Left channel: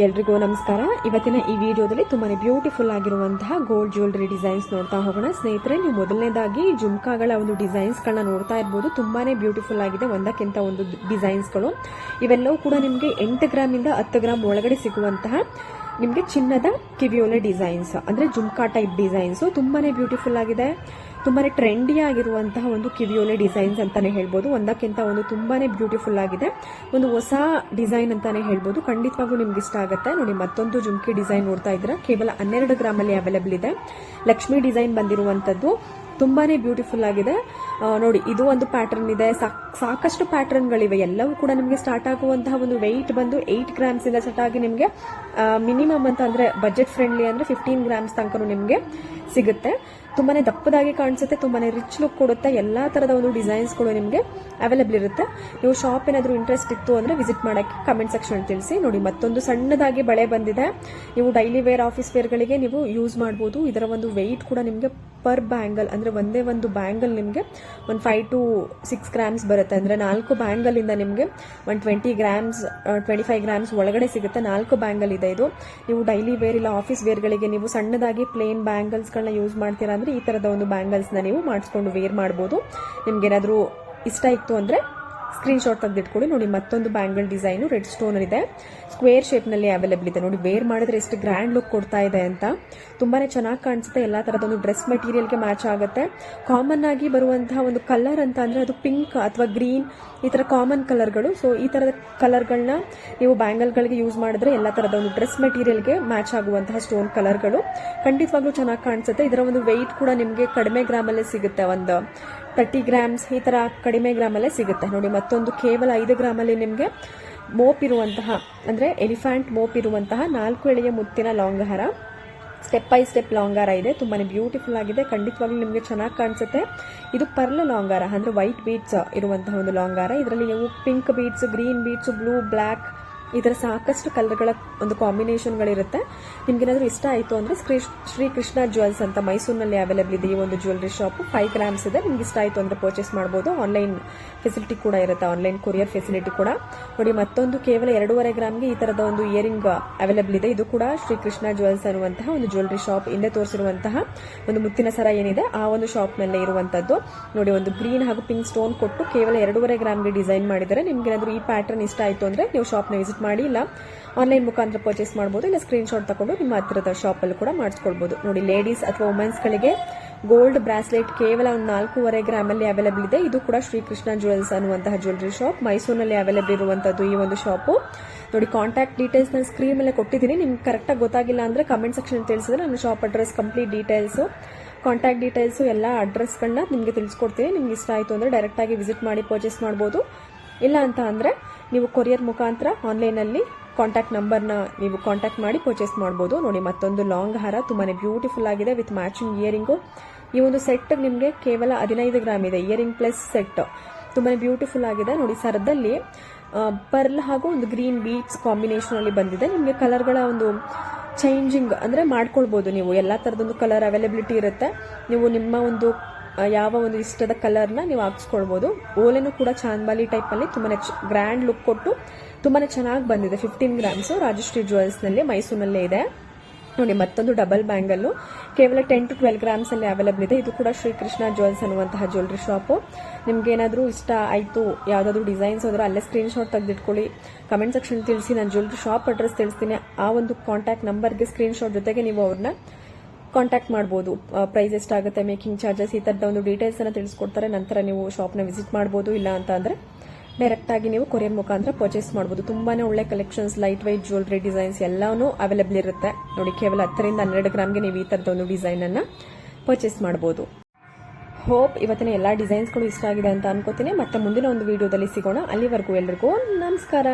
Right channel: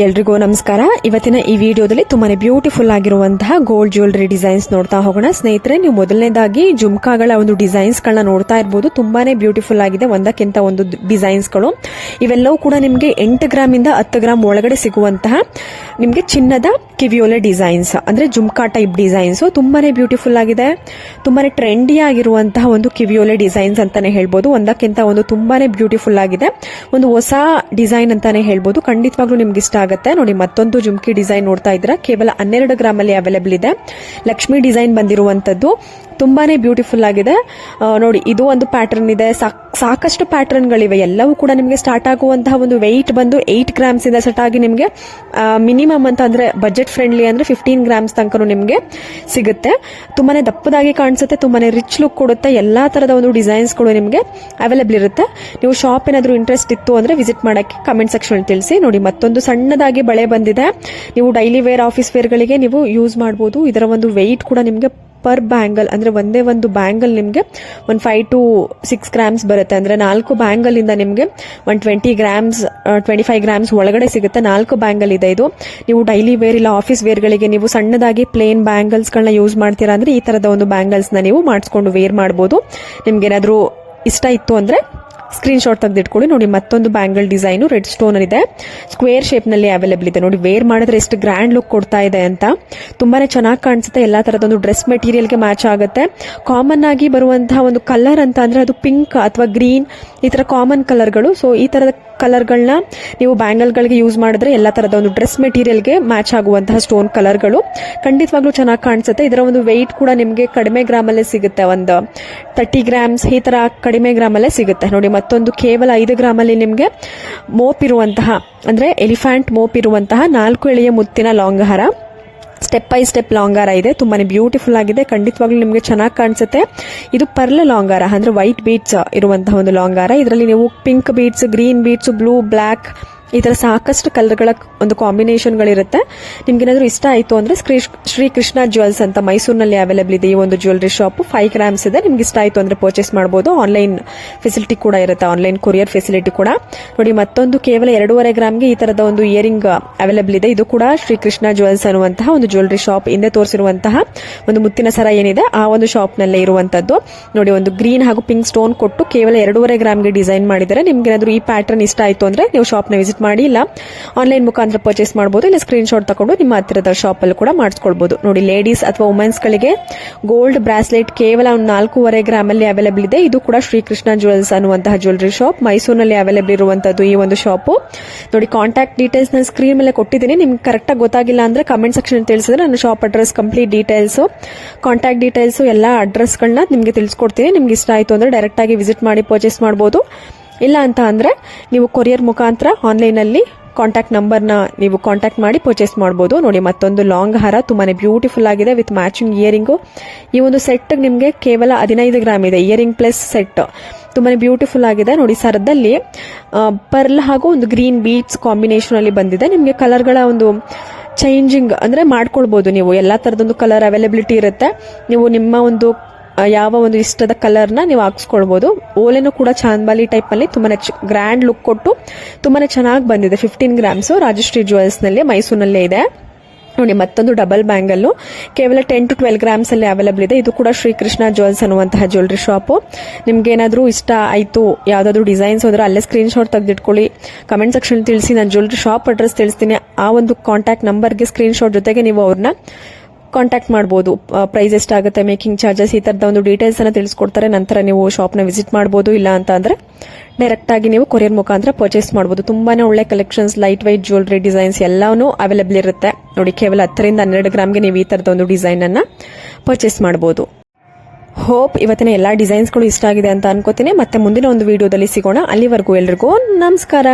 ಎಲ್ರಿಗೂ ನಮಸ್ಕಾರ. ಇವತ್ತಿನ ಈ ವಿಡಿಯೋದಲ್ಲಿ ತುಂಬಾನೇ ಬ್ಯೂಟಿಫುಲ್ ಆಗಿರುವಂತಹ ಗೋಲ್ಡ್ ಜ್ಯುವೆಲರಿ ಡಿಸೈನ್ಸ್ ನೋಡ್ತಾ ಹೋಗೋಣ. ಸ್ನೇಹಿತರೆ, ನೀವು ಮೊದಲನೇದಾಗಿ ಜುಮ್ಕಾಗಳ ಒಂದು ಡಿಸೈನ್ಸ್ಗಳನ್ನ ನೋಡ್ತಾ ಇರಬಹುದು. ತುಂಬಾನೇ ಬ್ಯೂಟಿಫುಲ್ ಆಗಿದೆ, ಒಂದಕ್ಕಿಂತ ಒಂದು ಡಿಸೈನ್ಸ್ಗಳು. ಇವೆಲ್ಲವೂ ಕೂಡ ನಿಮಗೆ 8 ಗ್ರಾಮ್ ಇಂದ 10 ಗ್ರಾಮ್ ಒಳಗಡೆ ಸಿಗುವಂತಹ ನಿಮಗೆ ಚಿನ್ನದ ಕಿವಿಯೋಲೆ ಡಿಸೈನ್ಸ್, ಅಂದ್ರೆ ಜುಮ್ಕಾ ಟೈಪ್ ಡಿಸೈನ್ಸ್. ತುಂಬಾನೇ ಬ್ಯೂಟಿಫುಲ್ ಆಗಿದೆ, ತುಂಬಾನೇ ಟ್ರೆಂಡಿ ಆಗಿರುವಂತಹ ಒಂದು ಕಿವಿಯೋಲೆ ಡಿಸೈನ್ಸ್ ಅಂತಾನೆ ಹೇಳ್ಬೋದು. ಒಂದಕ್ಕಿಂತ ಒಂದು ತುಂಬಾನೇ ಬ್ಯೂಟಿಫುಲ್ ಆಗಿದೆ, ಒಂದು ಹೊಸ ಡಿಸೈನ್ ಅಂತಾನೆ ಹೇಳ್ಬೋದು. ಖಂಡಿತವಾಗ್ಲೂ ನಿಮ್ಗೆ ಇಷ್ಟ ಆಗುತ್ತೆ. ನೋಡಿ, ಮತ್ತೊಂದು ಜುಮ್ಕಿ ಡಿಸೈನ್ ನೋಡ್ತಾ ಇದ್ದೀರಾ. ಕೇವಲ 12 ಗ್ರಾಮ್ ಅಲ್ಲಿ ಅವೈಲೇಬಲ್ ಇದೆ. ಲಕ್ಷ್ಮಿ ಡಿಸೈನ್ ಬಂದಿರುವಂತದ್ದು, ತುಂಬಾನೇ ಬ್ಯೂಟಿಫುಲ್ ಆಗಿದೆ. ನೋಡಿ, ಇದು ಒಂದು ಪ್ಯಾಟರ್ನ್ ಇದೆ. ಸಾಕಷ್ಟು ಪ್ಯಾಟರ್ನ್ ಗಳಿವೆ. ಎಲ್ಲವೂ ಕೂಡ ನಿಮಗೆ ಸ್ಟಾರ್ಟ್ ಆಗುವಂತಹ ಒಂದು ವೆಯ್ಟ್ ಬಂದು 8 ಗ್ರಾಮ್ಸ್ ಇಂದ ಸ್ಟಾರ್ಟ್ ಆಗಿ ನಿಮಗೆ ಮಿನಿಮಮ್ ಅಂತ ಅಂದ್ರೆ ಬಜೆಟ್ ಫ್ರೆಂಡ್ಲಿ ಅಂದ್ರೆ 15 ಗ್ರಾಮ್ಸ್ ತನಕ ನಿಮಗೆ ಸಿಗುತ್ತೆ. ತುಂಬಾನೇ ದಪ್ಪದಾಗಿ ಕಾಣಿಸುತ್ತೆ, ತುಂಬಾನೇ ರಿಚ್ ಲುಕ್ ಕೊಡುತ್ತೆ. ಎಲ್ಲಾ ತರದ ಒಂದು ಡಿಸೈನ್ಸ್ ಗಳು ನಿಮಗೆ ಅವೈಲೇಬಲ್ ಇರುತ್ತೆ. ನೀವು ಶಾಪ್ ಏನಾದರೂ ಇಂಟ್ರೆಸ್ಟ್ ಇತ್ತು ಅಂದ್ರೆ ವಿಸಿಟ್ ಮಾಡಕ್ಕೆ ಕಮೆಂಟ್ ಸೆಕ್ಷನ್ ತಿಳಿಸಿ. ನೋಡಿ, ಮತ್ತೊಂದು ಸಣ್ಣದಾಗಿ ಬಳೆ ಬಂದಿದೆ. ನೀವು ಡೈಲಿ ವೇರ್, ಆಫೀಸ್ ವೇರ್ ಗಳಿಗೆ ನೀವು ಯೂಸ್ ಮಾಡಬಹುದು. ಇದರ ಒಂದು ವೆಯ್ಟ್ ಕೂಡ ನಿಮಗೆ ಪರ್ ಬ್ಯಾಂಗಲ್ ಅಂದ್ರೆ ಒಂದೇ ಒಂದು ಬ್ಯಾಂಗಲ್ ನಿಮಗೆ 5 to 6 ಗ್ರಾಮ್ಸ್ ಬರುತ್ತೆ. ಅಂದ್ರೆ 4 ಬ್ಯಾಂಗಲ್ ಇಂದ ನಿಮಗೆ 120 ಗ್ರಾಮ್ಸ್ 25 ಗ್ರಾಮ್ಸ್ ಒಳಗಡೆ ಸಿಗುತ್ತೆ. 4 ಬ್ಯಾಂಗಲ್ ಇದೆ ಇದು. ನೀವು ಡೈಲಿ ವೇರ್ ಇಲ್ಲ ಆಫೀಸ್ ವೇರ್ ಗಳಿಗೆ ನೀವು ಸಣ್ಣದಾಗಿ ಪ್ಲೇನ್ ಬ್ಯಾಂಗಲ್ಸ್ ಗಳನ್ನ ಯೂಸ್ ಮಾಡ್ತೀರಾ ಅಂದ್ರೆ ಈ ತರದ ಒಂದು ಬ್ಯಾಂಗಲ್ಸ್ ನ ನೀವು ಮಾಡಿಸ್ಕೊಂಡು ವೇರ್ ಮಾಡಬಹುದು. ನಿಮ್ಗೆ ಏನಾದ್ರೂ ಇಷ್ಟ ಇತ್ತು ಅಂದ್ರೆ ಸ್ಕ್ರೀನ್ ಶಾಟ್ ತೆಗೆದಿಟ್ಕೊಳ್ಳಿ. ನೋಡಿ, ಮತ್ತೊಂದು ಬ್ಯಾಂಗಲ್ ಡಿಸೈನ್ ರೆಡ್ ಸ್ಟೋನ್ ಇದೆ, ಸ್ಕ್ವೇರ್ ಶೇಪ್ ನಲ್ಲಿ ಅವೈಲೇಬಲ್ ಇದೆ. ನೋಡಿ, ವೇರ್ ಮಾಡಿದ್ರೆ ಎಷ್ಟು ಗ್ರ್ಯಾಂಡ್ ಲುಕ್ ಕೊಡ್ತಾ ಇದೆ ಅಂತ. ತುಂಬಾನೇ ಚೆನ್ನಾಗಿ ಕಾಣಿಸುತ್ತೆ. ಎಲ್ಲಾ ತರದ ಒಂದು ಡ್ರೆಸ್ ಮೆಟೀರಿಯಲ್ ಗೆ ಮ್ಯಾಚ್ ಆಗುತ್ತೆ. ಕಾಮನ್ ಆಗಿ ಬರುವಂತಹ ಒಂದು ಕಲರ್ ಅಂತ ಅಂದ್ರೆ ಅದು ಪಿಂಕ್ ಅಥವಾ ಗ್ರೀನ್, ಈ ತರ ಕಾಮನ್ ಕಲರ್ಗಳು. ಸೊ ಈ ತರದ ಕಲರ್ಗಳನ್ನ ನೀವು ಬ್ಯಾಂಗಲ್ ಗಳಿಗೆ ಯೂಸ್ ಮಾಡಿದ್ರೆ ಎಲ್ಲಾ ತರದ ಒಂದು ಡ್ರೆಸ್ ಮೆಟೀರಿಯಲ್ ಗೆ ಮ್ಯಾಚ್ ಆಗುವಂತಹ ಸ್ಟೋನ್ ಕಲರ್ಗಳು ಖಂಡಿತವಾಗ್ಲೂ ಚೆನ್ನಾಗಿ ಕಾಣಿಸುತ್ತೆ. ಇದರ ಒಂದು ವೆಯ್ಟ್ ಕೂಡ ನಿಮಗೆ ಕಡಿಮೆ ಗ್ರಾಮ್ ಅಲ್ಲೇ ಸಿಗುತ್ತೆ. ಒಂದು 30 ಗ್ರಾಮ್ಸ್ ಈ ತರ ಕಡಿಮೆ ಗ್ರಾಮ್ ಅಲ್ಲೇ ಸಿಗುತ್ತೆ. ನೋಡಿ, ಮತ್ತೊಂದು ಕೇವಲ 5 ಗ್ರಾಮ್ ಅಲ್ಲಿ ನಿಮಗೆ ಮೋಪ್ ಇರುವಂತಹ ಅಂದ್ರೆ ಎಲಿಫೆಂಟ್ ಮೋಪ್ ಇರುವಂತಹ 4 ಎಳೆಯ ಮುತ್ತಿನ ಲಾಂಗ್ ಹಾರ, ಸ್ಟೆಪ್ ಬೈ ಸ್ಟೆಪ್ ಲಾಂಗ್ ಹಾರ ಇದೆ. ತುಂಬಾನೇ ಬ್ಯೂಟಿಫುಲ್ ಆಗಿದೆ, ಖಂಡಿತವಾಗ್ಲೂ ನಿಮಗೆ ಚೆನ್ನಾಗಿ ಕಾಣಿಸುತ್ತೆ. ಇದು ಪರ್ಲ್ ಲಾಂಗ್ ಹಾರ ಅಂದ್ರೆ ವೈಟ್ ಬೀಡ್ಸ್ ಇರುವಂತಹ ಒಂದು ಲಾಂಗ್ ಹಾರ. ಇದರಲ್ಲಿ ನೀವು pink beads, green beads, blue, black ಈ ತರ ಸಾಕಷ್ಟು ಕಲರ್ಗಳ ಒಂದು ಕಾಂಬಿನೇಷನ್ ಗಳಿರುತ್ತೆ. ನಿಮ್ಗೆ ಏನಾದ್ರು ಇಷ್ಟ ಆಯ್ತು ಅಂದ್ರೆ ಶ್ರೀ ಕೃಷ್ಣ ಜ್ಯುವೆಲ್ಸ್ ಅಂತ ಮೈಸೂರಿನಲ್ಲಿ ಅವೈಲೇಬಲ್ ಇದೆ ಈ ಒಂದು ಜ್ಯುವೆಲರಿ ಶಾಪ್. 5 ಗ್ರಾಮ್ಸ್ ಇದೆ. ನಿಮ್ಗೆ ಇಷ್ಟ ಆಯ್ತು ಅಂದ್ರೆ ಪರ್ಚೇಸ್ ಮಾಡಬಹುದು. ಆನ್ಲೈನ್ ಫೆಸಿಲಿಟಿ ಕೂಡ ಇರುತ್ತೆ, ಆನ್ಲೈನ್ ಕೊರಿಯರ್ ಫೆಸಿಲಿಟಿ ಕೂಡ. ನೋಡಿ, ಮತ್ತೊಂದು ಕೇವಲ 2.5 ಗ್ರಾಮ್ಗೆ ಈ ತರದ ಒಂದು ಇಯರಿಂಗ್ ಅವೈಲೇಬಲ್ ಇದೆ. ಇದು ಕೂಡ ಶ್ರೀ ಕೃಷ್ಣ ಜ್ಯುವೆಲ್ಸ್ ಅನ್ನುವಂತಹ ಒಂದು ಜ್ಯುವೆಲರಿ ಶಾಪ್. ಹಿಂದೆ ತೋರಿಸಿರುವಂತಹ ಒಂದು ಮುತ್ತಿನ ಸರ ಏನಿದೆ ಆ ಒಂದು ಶಾಪ್ ನಲ್ಲೇ ಇರುವಂತದ್ದು. ನೋಡಿ, ಒಂದು ಗ್ರೀನ್ ಹಾಗೂ ಪಿಂಕ್ ಸ್ಟೋನ್ ಕೊಟ್ಟು ಕೇವಲ 2.5 ಗ್ರಾಮ್ಗೆ ಡಿಸೈನ್ ಮಾಡಿದ್ದಾರೆ. ನಿಮ್ಗೆ ಏನಾದ್ರು ಈ ಪ್ಯಾಟರ್ನ್ ಇಷ್ಟ ಆಯ್ತು ಅಂದ್ರೆ ನೀವು ಶಾಪ್ ನ ವಿಸಿಟ್ ಮಾಡಿ, ಇಲ್ಲ ಆನ್ಲೈನ್ ಮುಖಾಂತರ ಪರ್ಚೇಸ್ ಮಾಡಬಹುದು. ಇಲ್ಲ ಸ್ಕ್ರೀನ್ ಶಾಟ್ ತಗೊಂಡು ನಿಮ್ಮ ಹತ್ತಿರದ ಶಾಪ್ ಅಲ್ಲಿ ಕೂಡ ಮಾಡಿಸ್ಕೊಳ್ಬಹುದು. ನೋಡಿ, ಲೇಡೀಸ್ ಅಥವಾ ವುಮೆನ್ಸ್ ಗಳಿಗೆ ಗೋಲ್ಡ್ ಬ್ರಾಸ್ಲೆಟ್ ಕೇವಲ 4.5 ಗ್ರಾಮ್ ಅಲ್ಲಿ ಅವೈಲೇಬಲ್ ಇದೆ. ಇದು ಕೂಡ ಶ್ರೀಕೃಷ್ಣ ಜ್ಯುವೆಲ್ಸ್ ಅನ್ನುವಂತಹ ಜ್ಯುವೆಲರಿ ಶಾಪ್ ಮೈಸೂರಿನಲ್ಲಿ ಅವೈಲೇಬಲ್ ಇರುವಂತದ್ದು ಈ ಒಂದು ಶಾಪ್. ನೋಡಿ, ಕಾಂಟ್ಯಾಕ್ಟ್ ಡೀಟೇಲ್ಸ್ ನಾನು ಸ್ಕ್ರೀನ್ ಮೇಲೆ ಕೊಟ್ಟಿದ್ದೀನಿ. ನಿಮ್ಗೆ ಕರೆಕ್ಟ್ ಆಗಿ ಗೊತ್ತಾಗಿಲ್ಲ ಅಂದ್ರೆ ಕಮೆಂಟ್ ಸೆಕ್ಷನ್ ತಿಳಿಸಿದ್ರೆ ನನ್ನ shop address, complete details, contact details ಎಲ್ಲ ಅಡ್ರೆಸ್ ಗಳನ್ನ ನಿಮ್ಗೆ ತಿಳಿಸ್ಕೊಡ್ತೀನಿ. ನಿಮ್ಗೆ ಇಷ್ಟ ಆಯ್ತು ಅಂದ್ರೆ ಡೈರೆಕ್ಟ್ ಆಗಿ ವಿಸಿಟ್ ಮಾಡಿ ಪರ್ಚೇಸ್ ಮಾಡಬಹುದು. ಇಲ್ಲ ಅಂತ ಅಂದ್ರೆ ನೀವು ಕೊರಿಯರ್ ಮುಖಾಂತರ ಆನ್ಲೈನ್ ಅಲ್ಲಿ ಕಾಂಟ್ಯಾಕ್ಟ್ ನಂಬರ್ನ ನೀವು ಕಾಂಟ್ಯಾಕ್ಟ್ ಮಾಡಿ ಪರ್ಚೇಸ್ ಮಾಡಬಹುದು. ನೋಡಿ, ಮತ್ತೊಂದು ಲಾಂಗ್ ಹಾರ ತುಂಬಾನೇ ಬ್ಯೂಟಿಫುಲ್ ಆಗಿದೆ ವಿತ್ ಮ್ಯಾಚಿಂಗ್ ಇಯರಿಂಗು. ಈ ಒಂದು ಸೆಟ್ ನಿಮಗೆ ಕೇವಲ 15 ಗ್ರಾಮ್ ಇದೆ. ಇಯರಿಂಗ್ ಪ್ಲಸ್ ಸೆಟ್ ತುಂಬಾನೇ ಬ್ಯೂಟಿಫುಲ್ ಆಗಿದೆ. ನೋಡಿ, ಸರದಲ್ಲಿ ಪರ್ಲ್ ಹಾಗೂ ಒಂದು ಗ್ರೀನ್ ಬೀಡ್ಸ್ ಕಾಂಬಿನೇಷನ್ ಅಲ್ಲಿ ಬಂದಿದೆ. ನಿಮಗೆ ಕಲರ್ಗಳ ಒಂದು ಚೇಂಜಿಂಗ್ ಅಂದ್ರೆ ಮಾಡ್ಕೊಳ್ಬಹುದು. ನೀವು ಎಲ್ಲಾ ತರದೊಂದು ಕಲರ್ ಅವೈಲೇಬಿಲಿಟಿ ಇರುತ್ತೆ. ನೀವು ನಿಮ್ಮ ಒಂದು ಯಾವ ಒಂದು ಇಷ್ಟದ ಕಲರ್ನ ನೀವು ಹಾಕ್ಸ್ಕೊಳ್ಬಹುದು. ಓಲೆನೂ ಕೂಡ ಚಾಂದ್ಬಾಲಿ ಟೈಪ್ ಅಲ್ಲಿ ತುಂಬಾನೇ ಗ್ರ್ಯಾಂಡ್ ಲುಕ್ ಕೊಟ್ಟು ತುಂಬಾನೇ ಚೆನ್ನಾಗಿ ಬಂದಿದೆ. 15 ಗ್ರಾಮ್ಸ್ ರಾಜಶ್ರೀ ಜ್ಯುವೆಲ್ಸ್ ನಲ್ಲಿ ಮೈಸೂರಿನಲ್ಲೇ ಇದೆ. ನೋಡಿ, ಮತ್ತೊಂದು ಡಬಲ್ ಬ್ಯಾಂಗಲ್ ಕೇವಲ 10 to 12 ಗ್ರಾಮ್ಸ್ ಅಲ್ಲಿ ಅವೈಲೇಬಲ್ ಇದೆ. ಇದು ಕೂಡ ಶ್ರೀಕೃಷ್ಣ ಜ್ಯುವೆಲ್ಸ್ ಅನ್ನುವಂತಹ ಜ್ಯುವೆಲರಿ ಶಾಪ್. ನಿಮ್ಗೆ ಏನಾದ್ರೂ ಇಷ್ಟ ಆಯ್ತು, ಯಾವ್ದಾದ್ರು ಡಿಸೈನ್ಸ್ ಹೋದ್ರೆ ಅಲ್ಲೇ ಸ್ಕ್ರೀನ್ ಶಾಟ್ ತೆಗೆದಿಟ್ಕೊಳ್ಳಿ, ಕಮೆಂಟ್ ಸೆಕ್ಷನ್ ತಿಳಿಸಿ. ನಾನು ಜ್ಯುವೆಲರಿ ಶಾಪ್ ಅಡ್ರೆಸ್ ತಿಳಿಸ್ತೀನಿ. ಆ ಒಂದು ಕಾಂಟ್ಯಾಕ್ಟ್ ನಂಬರ್ಗೆ ಸ್ಕ್ರೀನ್ ಶಾಟ್ ಜೊತೆಗೆ ನೀವು ಅವ್ರನ್ನ ಕಾಂಟ್ಯಾಕ್ಟ್ ಮಾಡಬಹುದು. ಪ್ರೈಸ್ ಎಷ್ಟಾಗುತ್ತೆ, ಮೇಕಿಂಗ್ ಚಾರ್ಜಸ್, ಈ ತರದ ಒಂದು ಡೀಟೇಲ್ಸ್ ಅನ್ನ ತಿಳಿಸ್ಕೊಡ್ತಾರೆ. ನಂತರ ನೀವು ಶಾಪ್ ನ ವಿಸಿಟ್ ಮಾಡಬಹುದು. ಇಲ್ಲ ಅಂತ ಅಂದ್ರೆ ಡೈರೆಕ್ಟ್ ಆಗಿ ನೀವು ಕೊರಿಯರ್ ಮುಖಾಂತರ ಪರ್ಚೇಸ್ ಮಾಡಬಹುದು. ತುಂಬಾನೇ ಒಳ್ಳೆ collections, light white jewellery designs ಎಲ್ಲಾನು ಅವೈಲೇಬಲ್ ಇರುತ್ತೆ. ನೋಡಿ, ಕೇವಲ 10 ರಿಂದ 12 ಗ್ರಾಮ್ಗೆ ನೀವು ಈ ತರದ ಒಂದು ಡಿಸೈನ್ ಅನ್ನ ಪರ್ಚೇಸ್ ಮಾಡಬಹುದು. ಹೋಪ್ ಇವತ್ತಿನ ಎಲ್ಲಾ ಡಿಸೈನ್ಸ್ಗಳು ಇಷ್ಟ ಆಗಿದೆ ಅಂತ ಅನ್ಕೋತೀನಿ. ಮತ್ತೆ ಮುಂದಿನ ಒಂದು ವಿಡಿಯೋದಲ್ಲಿ ಸಿಗೋಣ. ಅಲ್ಲಿವರೆಗೂ ಎಲ್ರಿಗೂ ನಮಸ್ಕಾರ.